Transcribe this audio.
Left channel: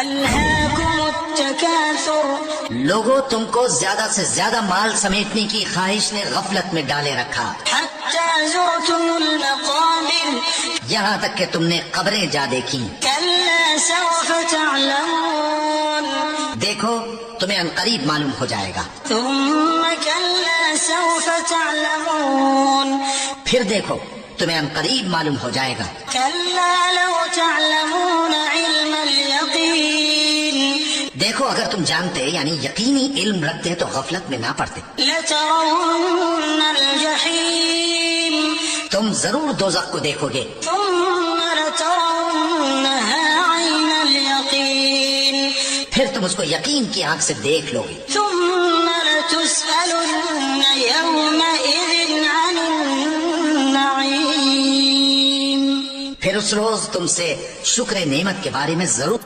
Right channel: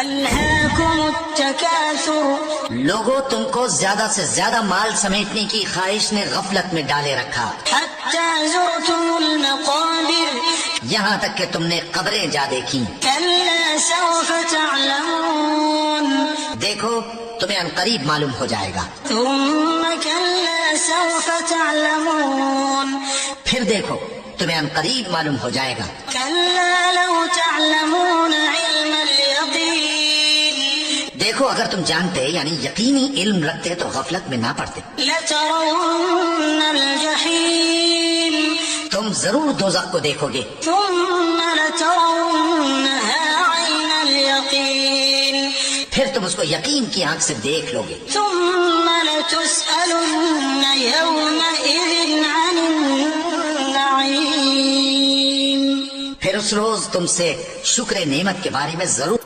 ألهاكم التكاثر لوگوں تم کو زیادہ سے زیادہ مال سمیٹنے کی خواہش نے غفلت میں ڈالے رکھا، حتى زرتم المقابر یہاں تک کہ تم نے قبریں جا دیکھی۔ كلا سوف تعلمون دیکھو تمہیں عنقریب معلوم ہو جائے گا، ثم كلا سوف تعلمون پھر دیکھو تمہیں عنقریب معلوم ہو جائے گا۔ كلا لو تعلمون علم اليقين دیکھو اگر تم جانتے یعنی یقینی علم رکھتے تو غفلت میں نہ پڑتے، لترون الجحيم تم ضرور دوزخ کو دیکھو گے، ثم لترونها عين اليقين پھر تم اس کو یقین کی آنکھ سے دیکھ لو گے، ثم لتسألن يومئذ عن النعيم پھر اس روز تم سے شکر نعمت کے بارے میں ضرور